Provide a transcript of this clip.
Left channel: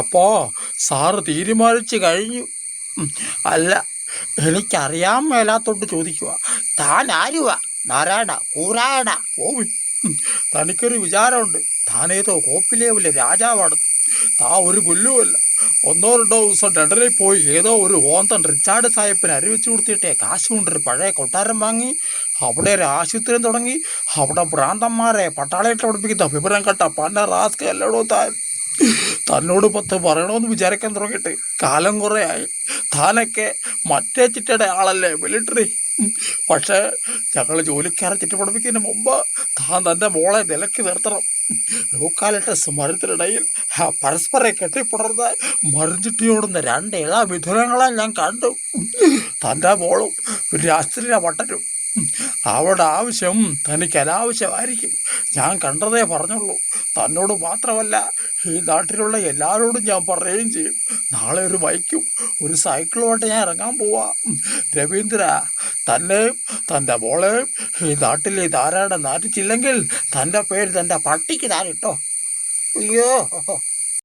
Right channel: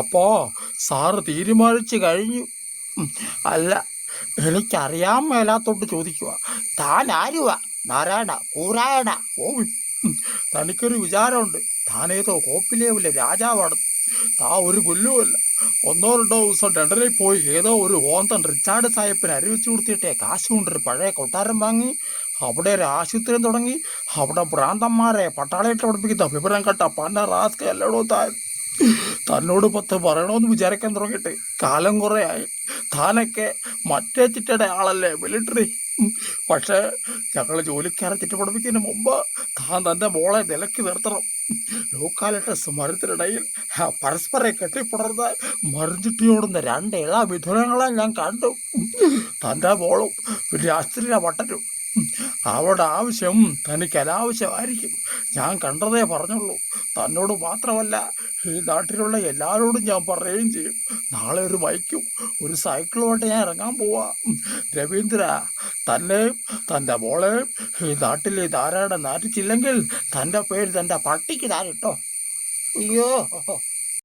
അപ്പോ സാറ് തീരുമാനിച്ചു കഴിഞ്ഞു. അല്ല, എനിക്കറിയാൻ മേലാത്തോട്ട് ചോദിക്കുക. താൻ ആരുവാ? നാരായണ കൂരായണ ഓവി. തനിക്കൊരു വിചാരമുണ്ട്, താനേതോ കോപ്പിലേവിലെ രാജാവാണ്. താ ഒരു പുല്ലുമല്ല. 1-2 ദിവസം ലണ്ടനിൽ പോയി ഏതോ ഒരു ഓന്തൻ റിച്ചാർഡ് സാഹിബിന് അരിവെച്ചു കൊടുത്തിട്ടേ കാശ് കൊണ്ടൊരു പഴയ കൊട്ടാരം വാങ്ങി അവിടെ ഒരു ആശുപത്രിയും തുടങ്ങി അവിടെ ഭ്രാന്തന്മാരെ പട്ടാളയിട്ട് പഠിപ്പിക്കുന്ന വിവരം കെട്ട പന്ന റാസ്ക് അല്ലടോ താൻ. തന്നോട് 10 പറയണമെന്ന് വിചാരിക്കാൻ തുടങ്ങിയിട്ട് കാലം കുറേ ആയി. താനൊക്കെ മറ്റേ ചിട്ടയുടെ ആളല്ലേ, മിലിറ്ററി. പക്ഷേ ഞങ്ങൾ ജോലിക്കാരെ ചിട്ട പഠിപ്പിക്കുന്നതിന് മുമ്പ് താൻ തൻ്റെ മോളെ നിലയ്ക്ക് നിർത്തണം. ലോക്കാലിട്ടസ് മരത്തിനിടയിൽ പരസ്പരം കെട്ടിപ്പുണർന്ന് മറിഞ്ഞിട്ടിയോടുന്ന 2 ഇള മിഥുനങ്ങളെ ഞാൻ കണ്ടു. തൻ്റെ മോളും പിന്നെ അസ്ത്രീയ പട്ടനും. അവളുടെ ആവശ്യം തനിക്ക് അനാവശ്യമായിരിക്കും. ഞാൻ കണ്ടതേ പറഞ്ഞുള്ളൂ. തന്നോട് മാത്രമല്ല, ഈ നാട്ടിലുള്ള എല്ലാവരോടും ഞാൻ പറയുകയും ചെയ്യും. നാളെ ഒരു ബൈക്കും ഒരു സൈക്കിളുമായിട്ട് ഞാൻ ഇറങ്ങാൻ പോവാ. രവീന്ദ്ര, തന്നെയും തൻ്റെ മോളെയും ഈ നാട്ടിലെ ധാരാളം നാറ്റിച്ചില്ലെങ്കിൽ തൻ്റെ പേര് തൻ്റെ പട്ടിക്ക് താനിട്ടോ. അയ്യോ.